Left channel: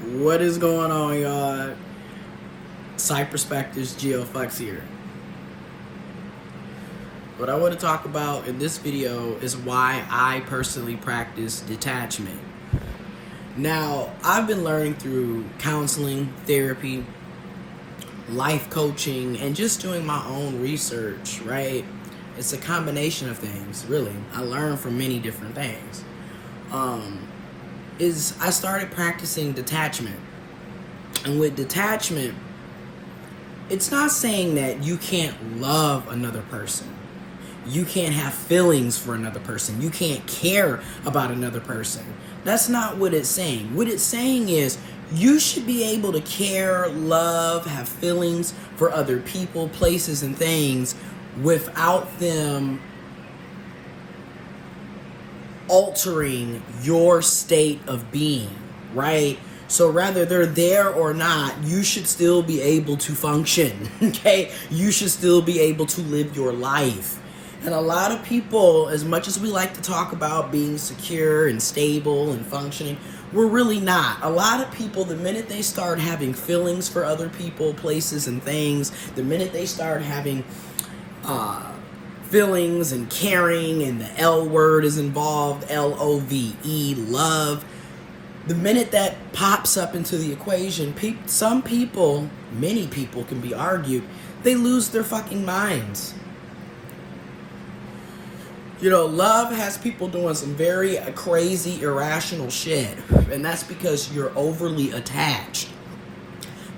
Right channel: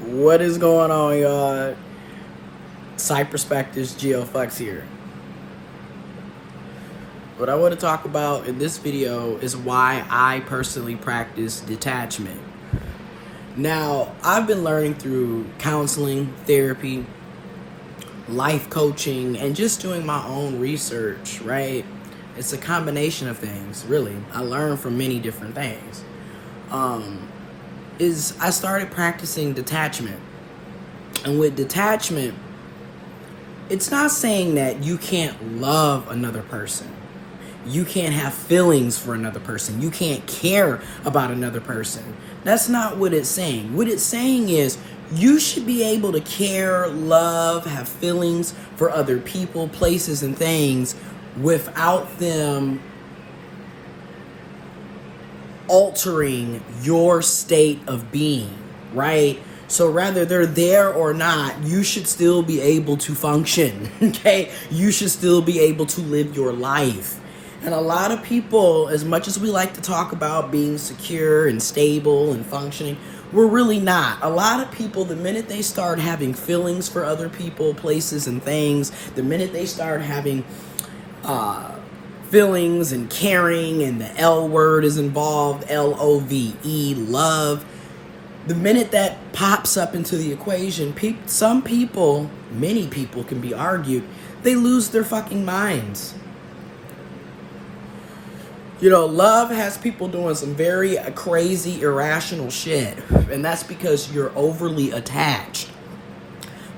What is going on, y'all? Perspectives, giofvcks here. What I want to talk about in this video is why I personally practice detachment. Now, I've been learning through counseling, therapy, life coaching, and just doing my own research, right? It's a combination of things, really. I learn from many different things. I started practicing detachment. And with detachment, it's not saying that you can't love another person. You can't have feelings for another person. You can't care about another person. That's not what it's saying. What it's saying is you should be able to care, love, have feelings for other people, places, and things without them altering your state of being, right? So whether they're there or not, you should still be able to function, okay? You should still be able to live your life. And a lot of people, as much as we like to talk about being secure and stable and functioning, we're really not. A lot of people, the minute they start having feelings for other people, places, and things, the minute they start having feelings and caring, and the L word is involved, L-O-V-E, love. The minute that pops up into the equation, some people, many people can be argued, they lose their fucking minds. You know, love has people doing some very crazy, irrational shit. And that's because you're overly attached.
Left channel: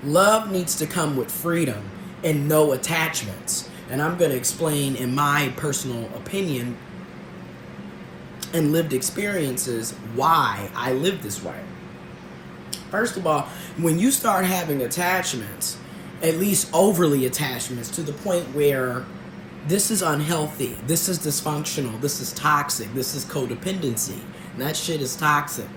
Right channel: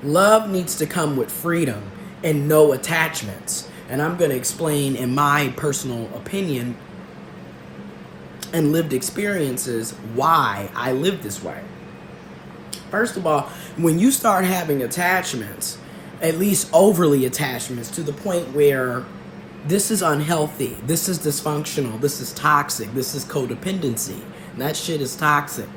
Love needs to come with freedom and no attachments. And I'm going to explain, in my personal opinion and lived experiences, why I live this way. First of all, when you start having attachments, at least overly attachments, to the point where this is unhealthy, this is dysfunctional, this is toxic, this is codependency, and that shit is toxic.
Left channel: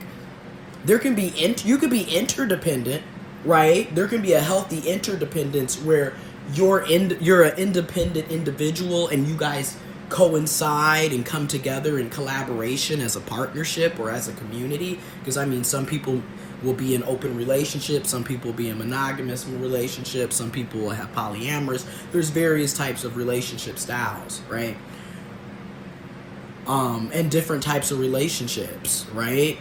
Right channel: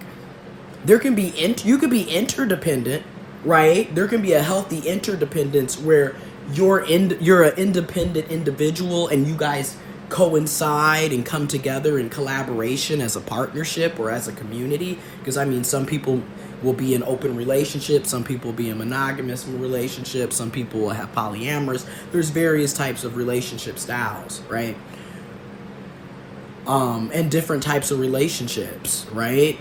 There can be, you could be interdependent, right? There can be a healthy interdependence where you're an independent individual and you guys coincide and come together in collaboration as a partnership or as a community. Because I mean, some people will be in open relationships, some people will be in monogamous relationships, some people will have polyamorous. There's various types of relationship styles, right? And different types of relationships, right?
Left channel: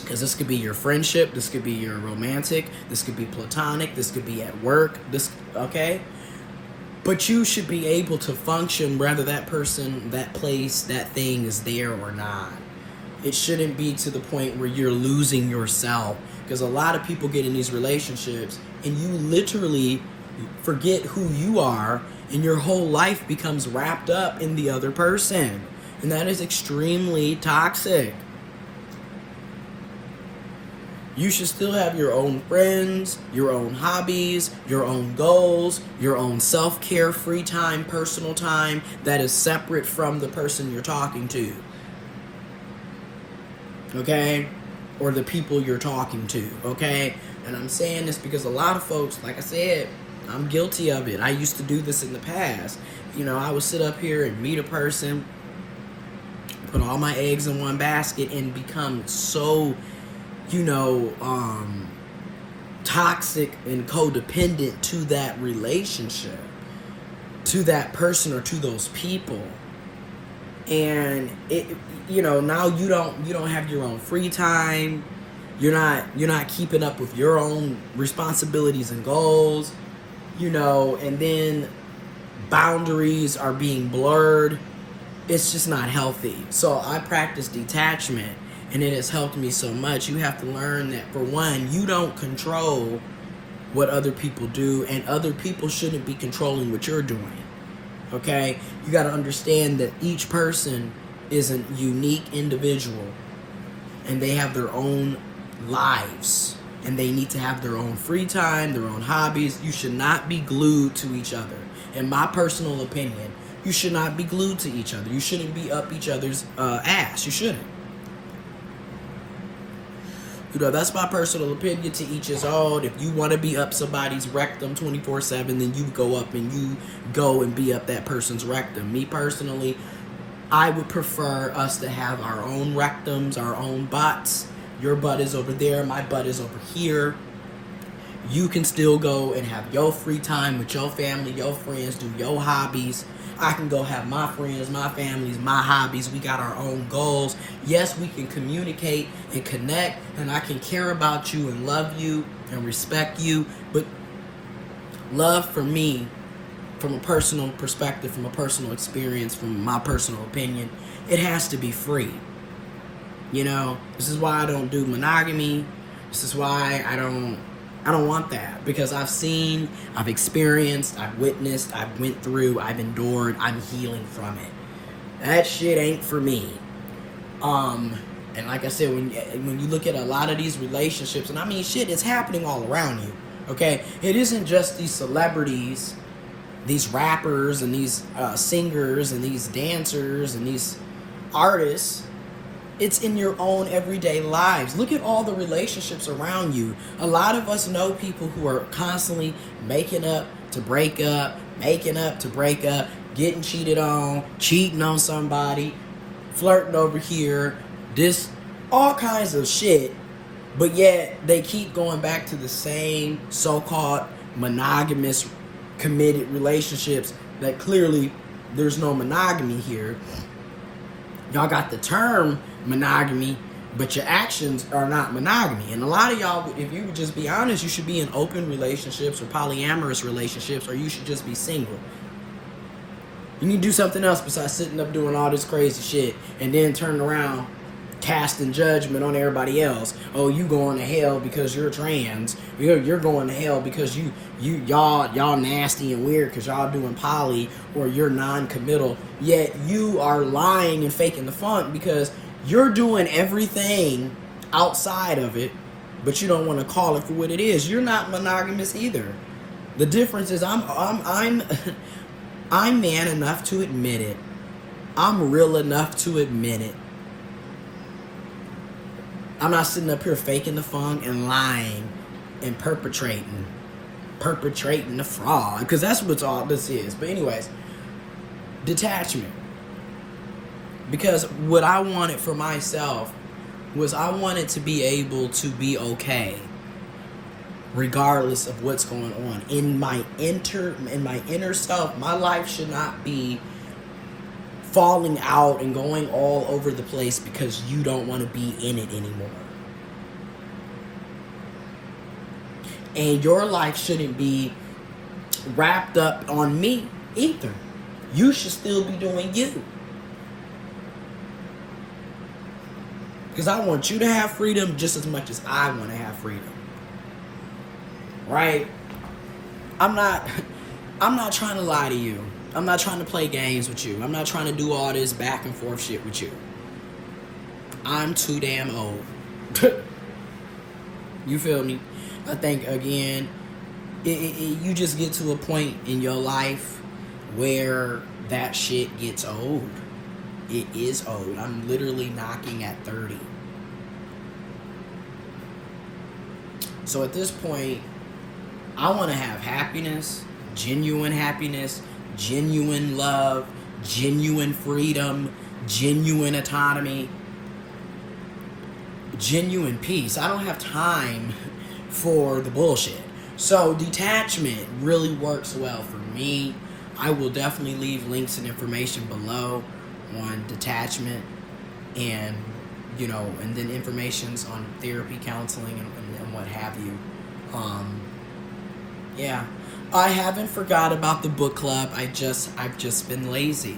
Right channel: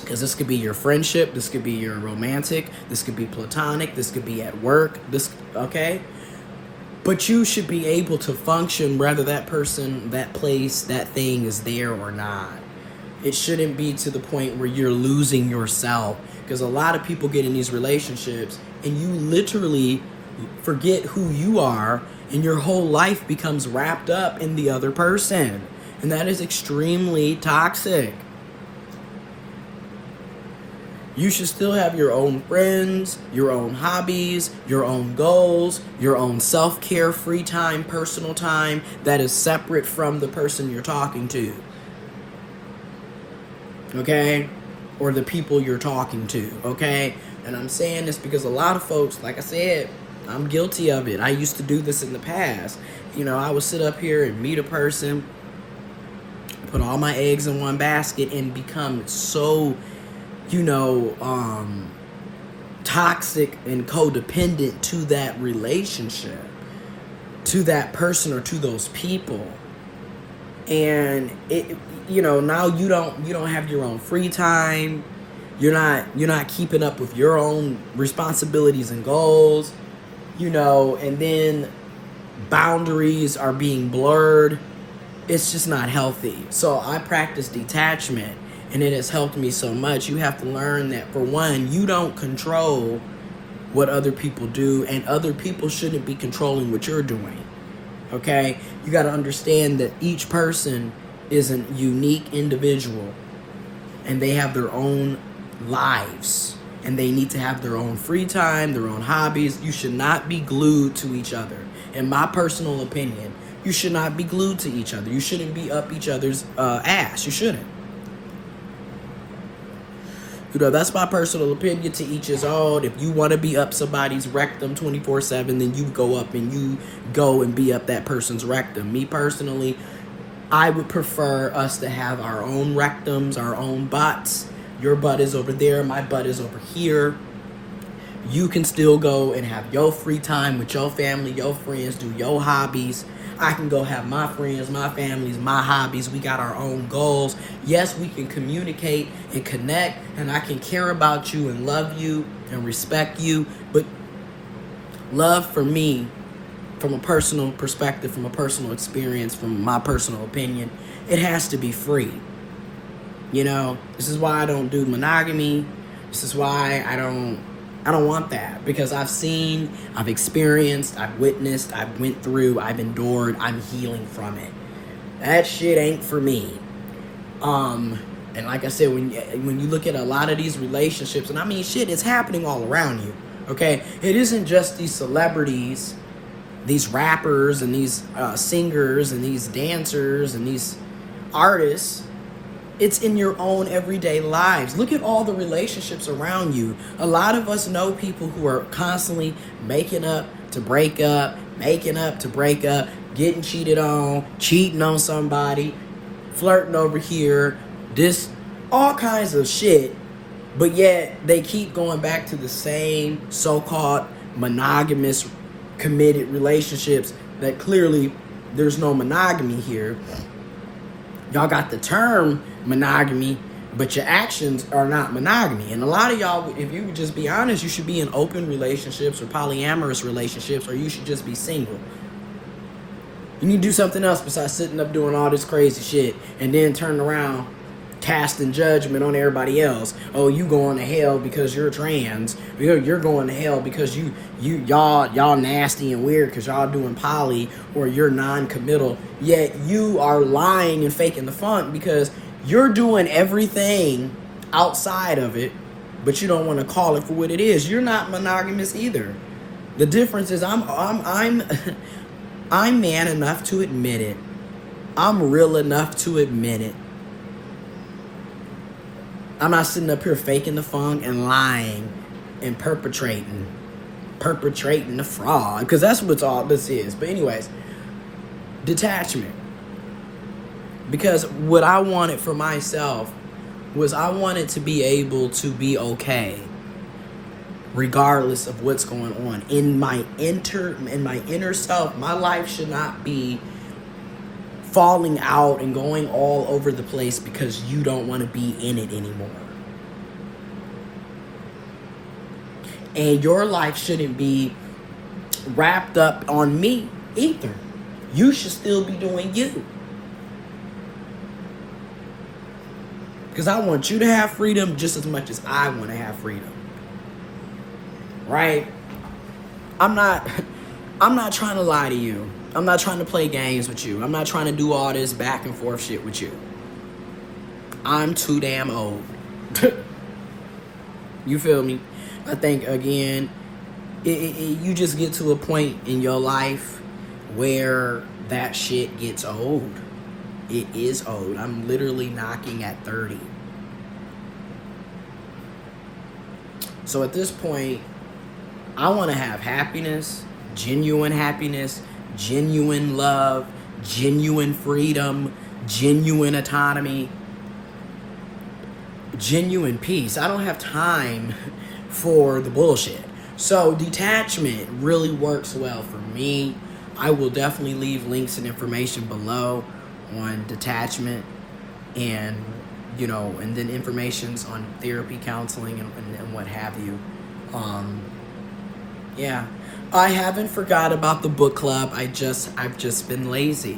Because this could be your friendship, this could be your romantic, this could be platonic, this could be at work, okay? But you should be able to function whether that person, that place, that thing is there or not. It shouldn't be to the point where you're losing yourself. Because a lot of people get in these relationships and you literally forget who you are and your whole life becomes wrapped up in the other person. And that is extremely toxic. You should still have your own friends, your own hobbies, your own goals, your own self-care, free time, personal time that is separate from the person you're talking to. Okay? Or the people you're talking to. Okay? And I'm saying this because a lot of folks, like I said, I'm guilty of it. I used to do this in the past. You know, I would sit up here and meet a person, put all my eggs in one basket, and become so, toxic and codependent to that relationship, to that person or to those people. And now you don't have your own free time. You're not keeping up with your own responsibilities and goals, and then boundaries are being blurred. It's just not healthy. So I practice detachment. And it has helped me so much. You have to learn that, for one, you don't control what other people do, and other people shouldn't be controlling what you're doing. Okay? You got to understand that each person is a unique individual, and they have their own lives, and they need to have their own free time, their own hobbies. You should not be glued to each other. In my personal opinion, you should not be glued to each other. You shouldn't be up each other's ass. You shouldn't. That's my personal opinion, to each his own. If you want to be up somebody's rectum 24/7, then you go up and you go and be up that person's rectum. Me personally, I would prefer us to have our own rectums, our own butts, Your butt is over there, my butt is over here. You can still go and have your free time with your family, your friends, do your hobbies. I can go have my friends, my families, my hobbies. We got our own goals. Yes, we can communicate and connect, and I can care about you and love you and respect you. But love for me, from a personal perspective, from a personal experience, from my personal opinion, it has to be free. You know, this is why I don't do monogamy. This is why I don't want that, because I've seen, I've experienced, I've witnessed, I've went through, I've endured, I'm healing from it. That shit ain't for me. And like I said, when you look at a lot of these relationships, and I mean, shit, it's happening all around you, okay? It isn't just these celebrities, these rappers, and these singers, and these dancers, and these artists. It's in your own everyday lives. Look at all the relationships around you. A lot of us know people who are constantly making up to break up, making up to break up, getting cheated on, cheating on somebody, flirting over here, this, all kinds of shit. But yet they keep going back to the same so-called monogamous, committed relationships that clearly there's no monogamy here. Y'all got the term monogamy, but your actions are not monogamy. And a lot of y'all, if you would just be honest, you should be in open relationships or polyamorous relationships, or you should just be single. You need to do something else besides sitting up doing all this crazy shit and then turn around casting judgment on everybody else. Oh, you going to hell because you're trans. You're going to hell because y'all nasty and weird because y'all doing poly, or you're non-committal. Yet you are lying and faking the funk because you're doing everything outside of it, but you don't want to call it for what it is. You're not monogamous either. The difference is I'm man enough to admit it. I'm real enough to admit it. I'm not sitting up here faking the funk and lying and perpetrating the fraud, because that's what all this is. But anyways, detachment. Because what I wanted for myself was I wanted to be able to be okay regardless of what's going on. In my inner self, my life should not be falling out and going all over the place because you don't want to be in it anymore. And your life shouldn't be wrapped up on me either. You should still be doing you. Because I want you to have freedom just as much as I want to have freedom. Right? I'm not trying to lie to you. I'm not trying to play games with you. I'm not trying to do all this back and forth shit with you. I'm too damn old. You feel me? I think, again, you just get to a point in your life where that shit gets old. It is old. I'm literally knocking at 30. So at this point, I want to have happiness, genuine love, genuine freedom, genuine autonomy, genuine peace. I don't have time for the bullshit. So detachment really works well for me. I will definitely leave links and information below on detachment, and and then informations on therapy, counseling, and what have you. Yeah, I haven't forgot about the book club. I've just been lazy.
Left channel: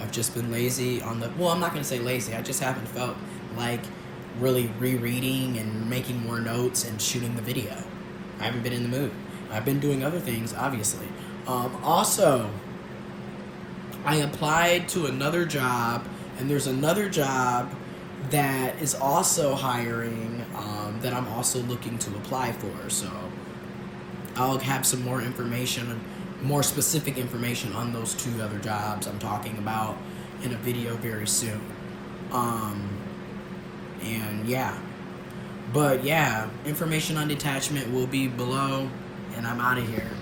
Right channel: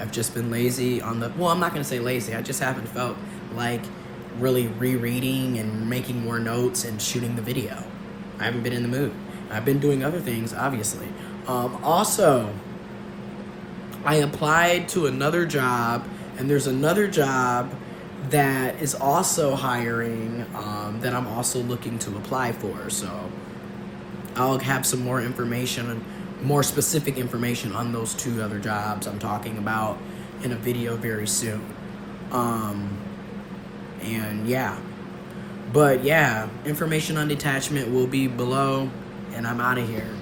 I've just been lazy on the. Well, I'm not gonna say lazy. I just haven't felt like really rereading and making more notes and shooting the video. I haven't been in the mood. I've been doing other things, obviously. Also, I applied to another job, and there's another job that is also hiring that I'm also looking to apply for. So I'll have some more information, more specific information on those two other jobs I'm talking about in a video very soon. And yeah. But yeah, information on detachment will be below, and I'm out of here.